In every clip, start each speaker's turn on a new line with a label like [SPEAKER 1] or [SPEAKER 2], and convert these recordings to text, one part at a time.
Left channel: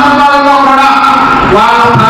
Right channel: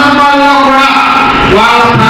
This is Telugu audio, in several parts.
[SPEAKER 1] సందర్భాల్లో కూడా వాళ్ళ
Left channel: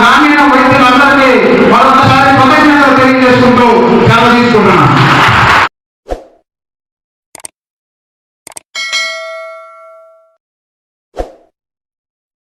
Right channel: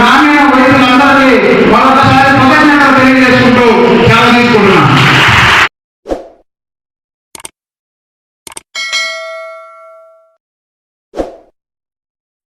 [SPEAKER 1] গ্রামে